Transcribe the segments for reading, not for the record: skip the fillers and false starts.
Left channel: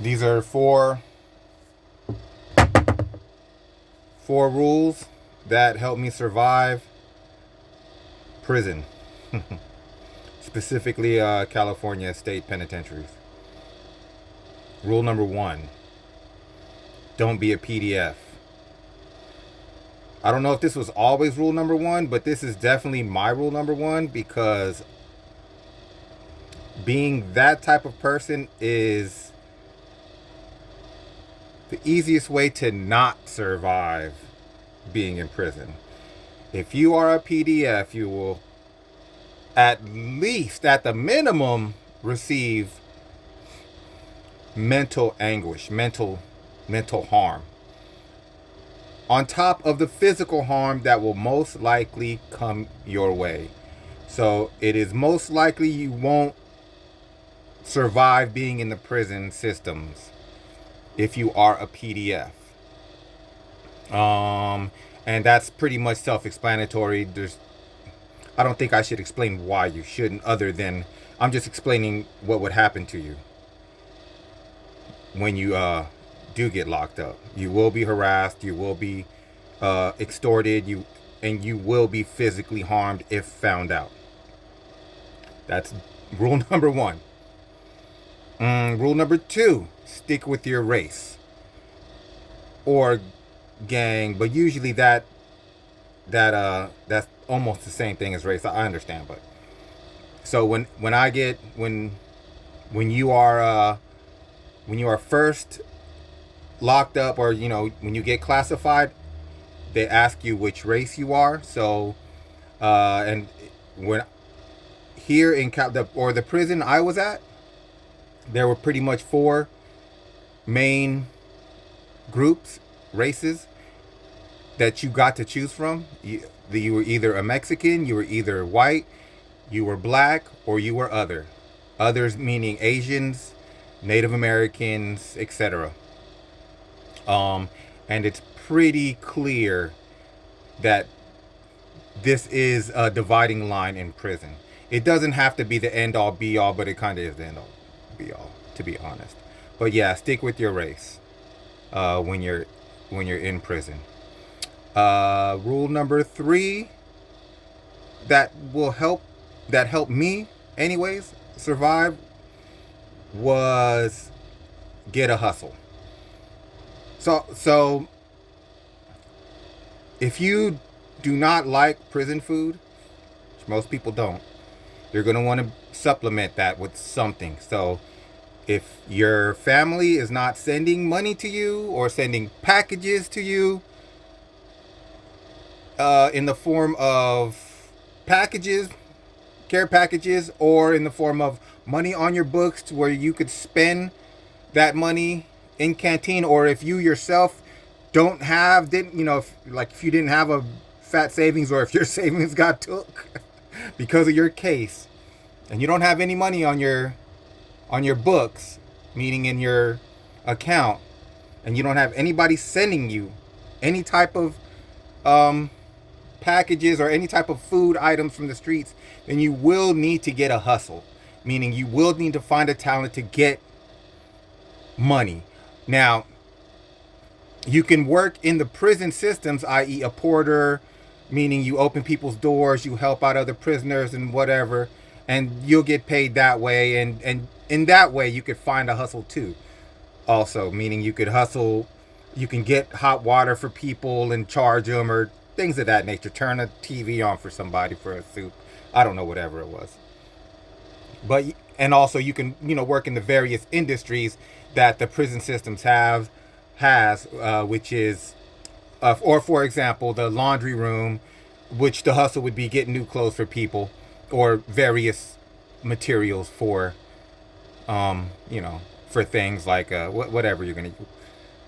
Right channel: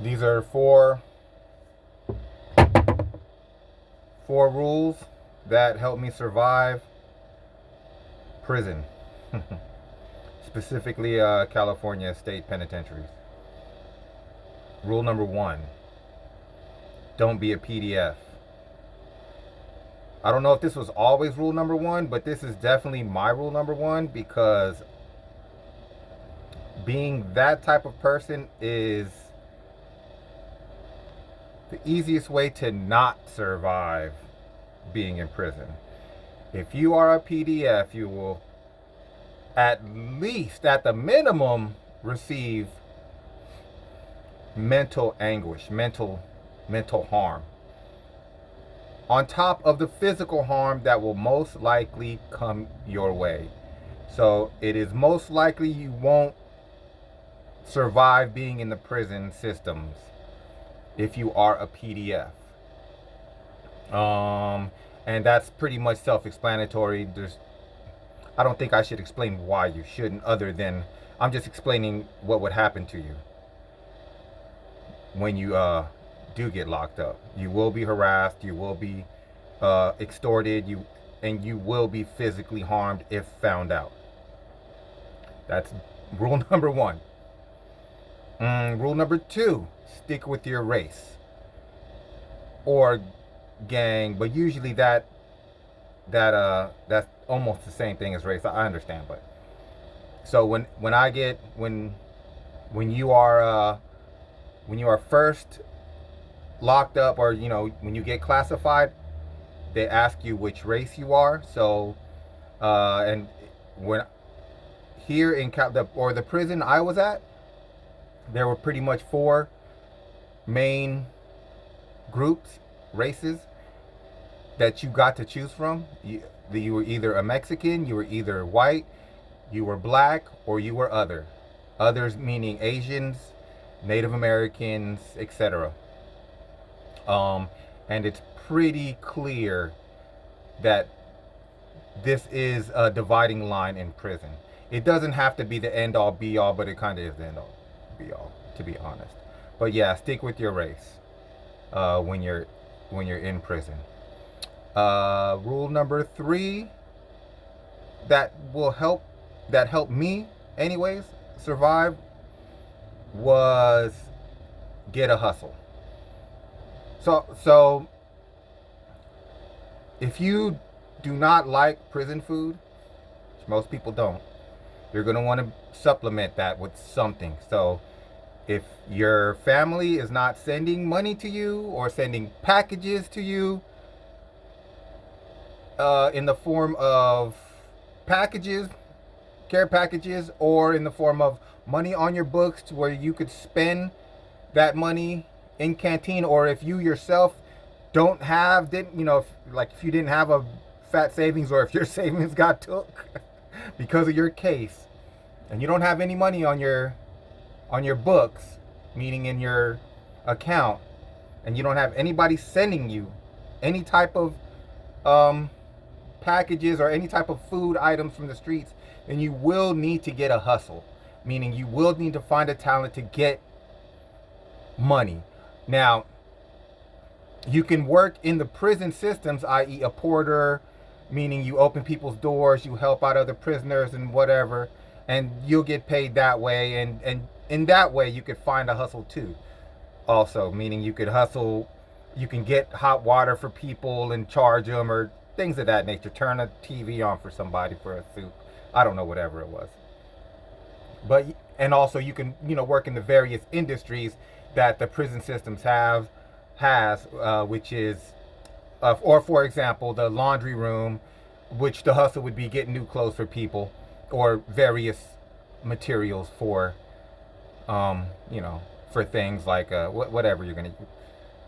These are four rules that help me survive prison, specifically California state penitentiaries. Rule number one: don't be a PDF. I don't know if this was always rule number one, but this is definitely my rule number one because being that type of person is the easiest way to not survive being in prison. If you are a PDF, you will at least, at the minimum, receive mental anguish, mental harm. On top of the physical harm that will most likely come your way. So it is most likely you won't survive being in the prison systems if you are a PDF. And that's pretty much self-explanatory. I don't think I should explain why you shouldn't, other than I'm just explaining what would happen to you when you do get locked up. You will be harassed. You will be extorted. You will be physically harmed if found out. That's rule number one. Rule number two: stick with your race or gang, but usually that's almost the same thing as race. I understand, but so when you are when you are first locked up, or when you get classified, they ask you which race you are. So and when here in the prison I was at, there were pretty much four main groups, races, that you got to choose from. You were either a Mexican, you were either white, you were black, or you were other. Others meaning Asians, Native Americans, etc. And it's pretty clear that this is a dividing line in prison. It doesn't have to be the end all be all, but it kind of is the end all be all, to be honest. But yeah, stick with your race when you're in prison. Rule number three that will help that helped me anyways survive was get a hustle. So if you do not like prison food, which most people don't, you're gonna want to supplement that with something. So if your family is not sending money to you or sending packages to you in the form of packages, care packages, or in the form of money on your books to where you could spend that money in canteen, or if you yourself didn't if you didn't have a fat savings, or if your savings got took because of your case, and you don't have any money on your books, meaning in your account, and you don't have anybody sending you any type of um, packages or any type of food items from the streets, then you will need to get a hustle, meaning you will need to find a talent to get money. Now, you can work in the prison systems, i.e., a porter, meaning you open people's doors, you help out other prisoners and whatever, and you'll get paid that way. And in that way, you could find a hustle too. Also, meaning you could hustle, you can get hot water for people and charge them, or things of that nature. Turn a TV on for somebody for a soup. I don't know, whatever it was. But and also you can work in the various industries that the prison systems has which is or for example the laundry room, which the hustle would be getting new clothes for people, or various materials for for things like whatever you're gonna,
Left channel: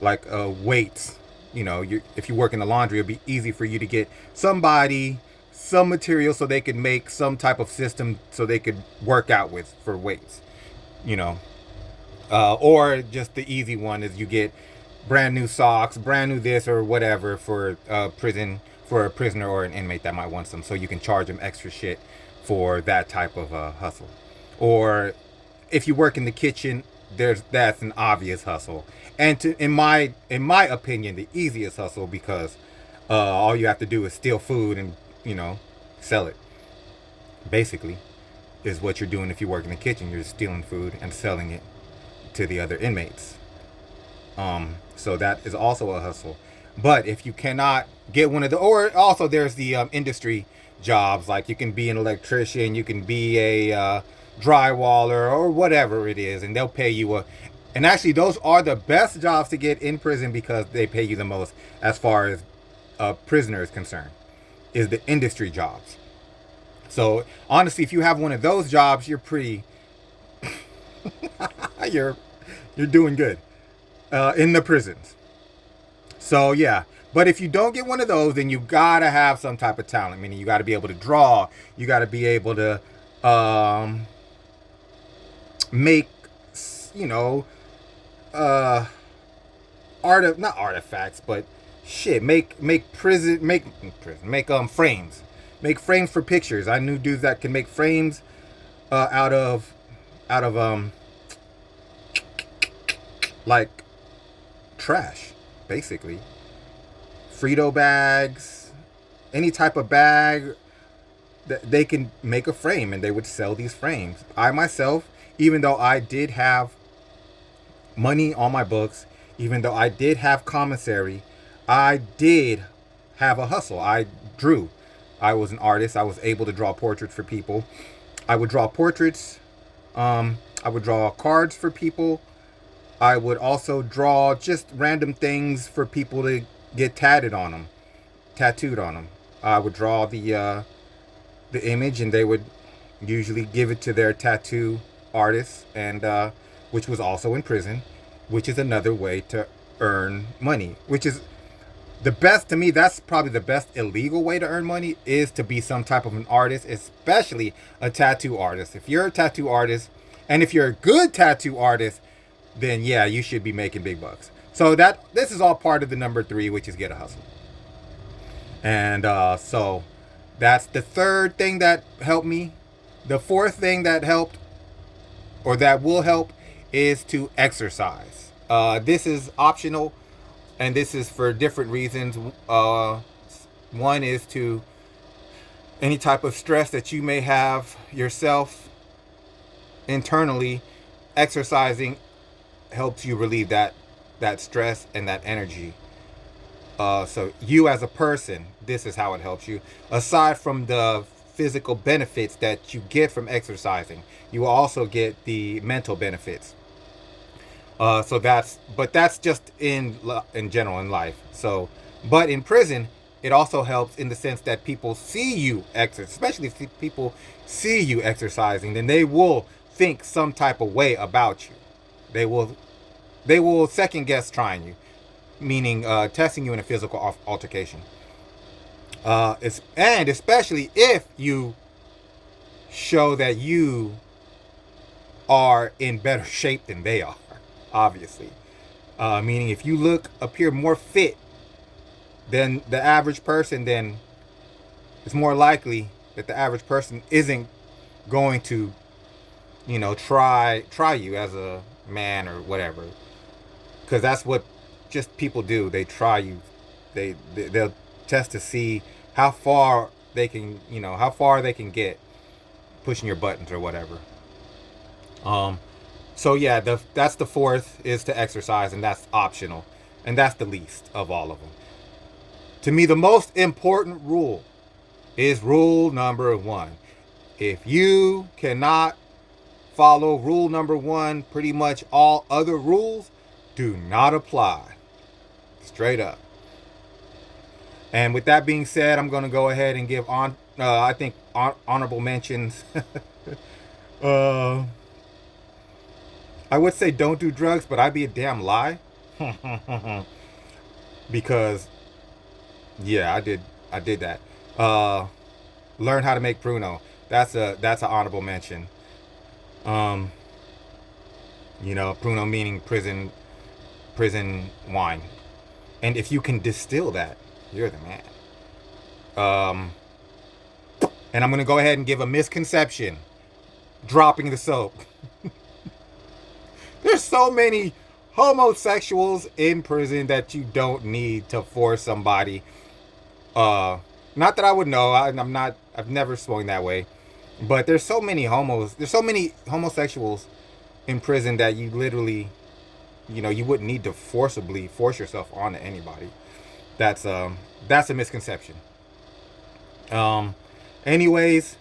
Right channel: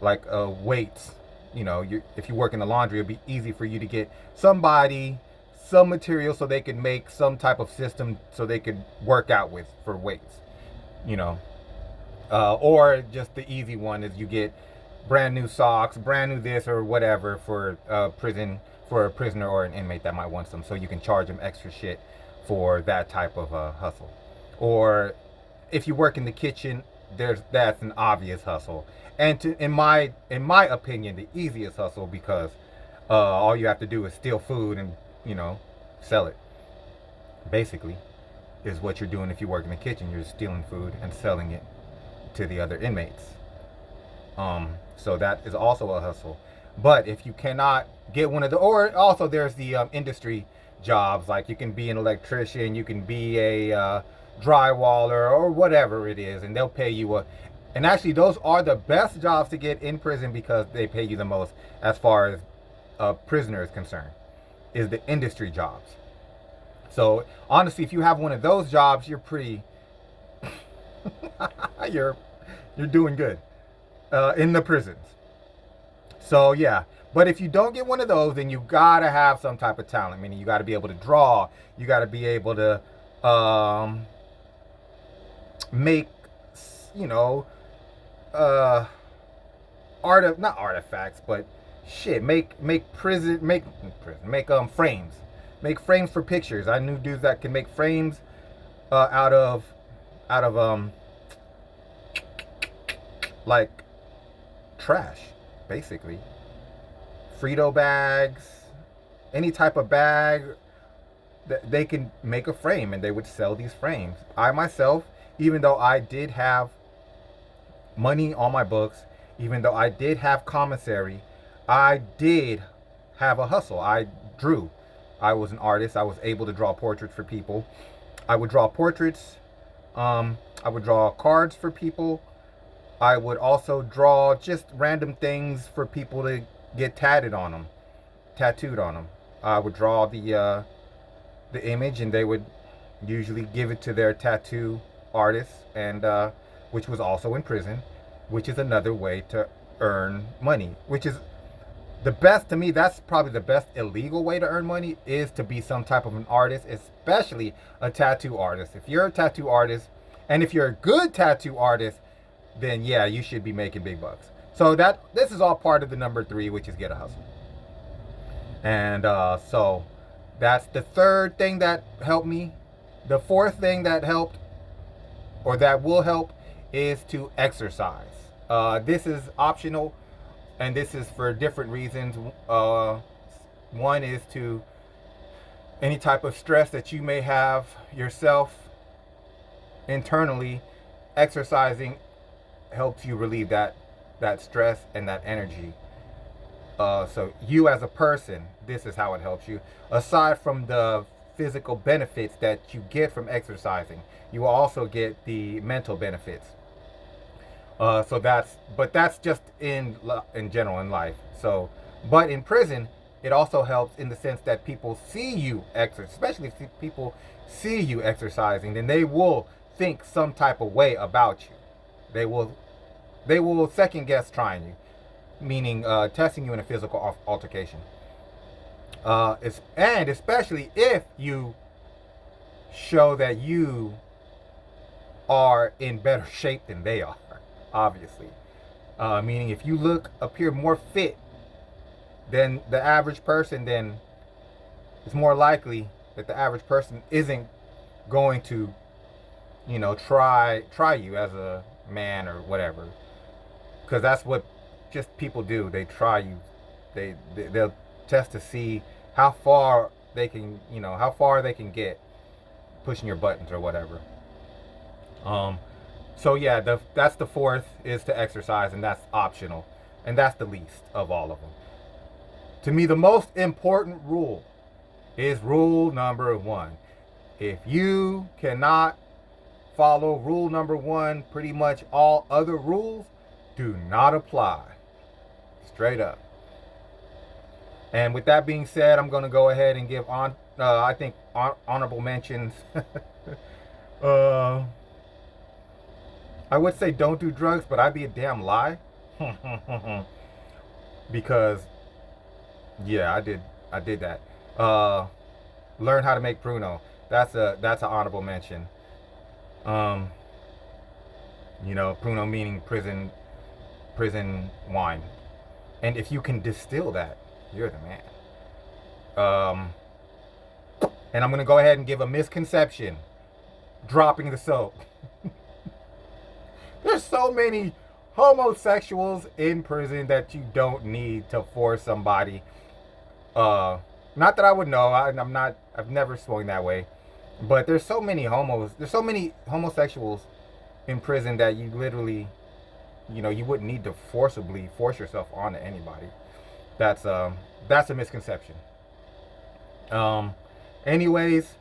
like weights. If you work in the laundry, it'd be easy for you to get somebody some material so they could make some type of system so they could work out with for weights. You know, or just the easy one is you get brand new socks, brand new this or whatever for for a prisoner or an inmate that might want some, so you can charge them extra shit for that type of hustle. Or if you work in the kitchen, that's an obvious hustle, and in my opinion, the easiest hustle because all you have to do is steal food and you know sell it. Basically, is what you're doing if you work in the kitchen. You're stealing food and selling it to the other inmates. So that is also a hustle. But if you cannot get one of the, or also there's the industry jobs, like you can be an electrician, you can be a drywaller or whatever it is, and they'll pay you and actually those are the best jobs to get in prison because they pay you the most as far as a prisoner is concerned, is the industry jobs. So honestly, if you have one of those jobs, you're pretty, you're you're doing good in the prisons. So yeah, but if you don't get one of those, then you gotta have some type of talent. Meaning you got to be able to draw. You got to be able to um, make, you know, uh, not artifacts, but shit, make frames, make frames for pictures. I knew dudes that can make frames out of like trash, basically. Frito bags, any type of bag, they can make a frame and they would sell these frames. I myself, even though I did have money on my books, even though I did have commissary, I did have a hustle. I drew. I was an artist. I was able to draw portraits for people. I would draw portraits. I would draw cards for people. I would also draw just random things for people to get tattooed on them. I would draw the image, and they would usually give it to their tattoo artist, and which was also in prison, which is another way to earn money. Which is the best to me. That's probably the best illegal way to earn money, is to be some type of an artist, especially a tattoo artist. If you're a tattoo artist, and if you're a good tattoo artist, then yeah, you should be making big bucks. So this is all part of the number 3, which is get a hustle. And so that's the third thing that helped me. The fourth thing that helped, or that will help, is to exercise. This is optional, and this is for different reasons. One is to any type of stress that you may have yourself internally. Exercising helps you relieve that stress and that energy. So you as a person, this is how it helps you. Aside from the physical benefits that you get from exercising, you will also get the mental benefits. But that's just in general in life. So, but in prison, it also helps in the sense that people see you exercise, especially if people see you exercising, then they will think some type of way about you. They will second guess trying you, meaning testing you in a physical altercation. And especially if you show that you are in better shape than they are, obviously. Meaning if you appear more fit than the average person, then it's more likely that the average person isn't going to, try you as a man or whatever. Because that's what just people do. They try you. They'll test to see how far they can, get pushing your buttons or whatever. So yeah, that's the fourth, is to exercise, and that's optional, and that's the least of all of them. To me, the most important rule is rule number 1. If you cannot follow rule number 1, pretty much all other rules do not apply. Straight up. And with that being said, I'm going to go ahead and give honorable mentions. I would say don't do drugs, but I'd be a damn lie. Because yeah, I did that. Learn how to make Pruno. That's an honorable mention. Pruno meaning prison wine. And if you can distill that, you're the man. And I'm going to go ahead and give a misconception. Dropping the soap. There's so many homosexuals in prison that you don't need to force somebody. Not that I would know. I'm not. I've never swung that way. But there's so many homos. There's so many homosexuals in prison that you literally, you wouldn't need to forcibly force yourself onto anybody. That's a misconception. Um, anyways,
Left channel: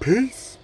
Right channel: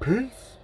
peace.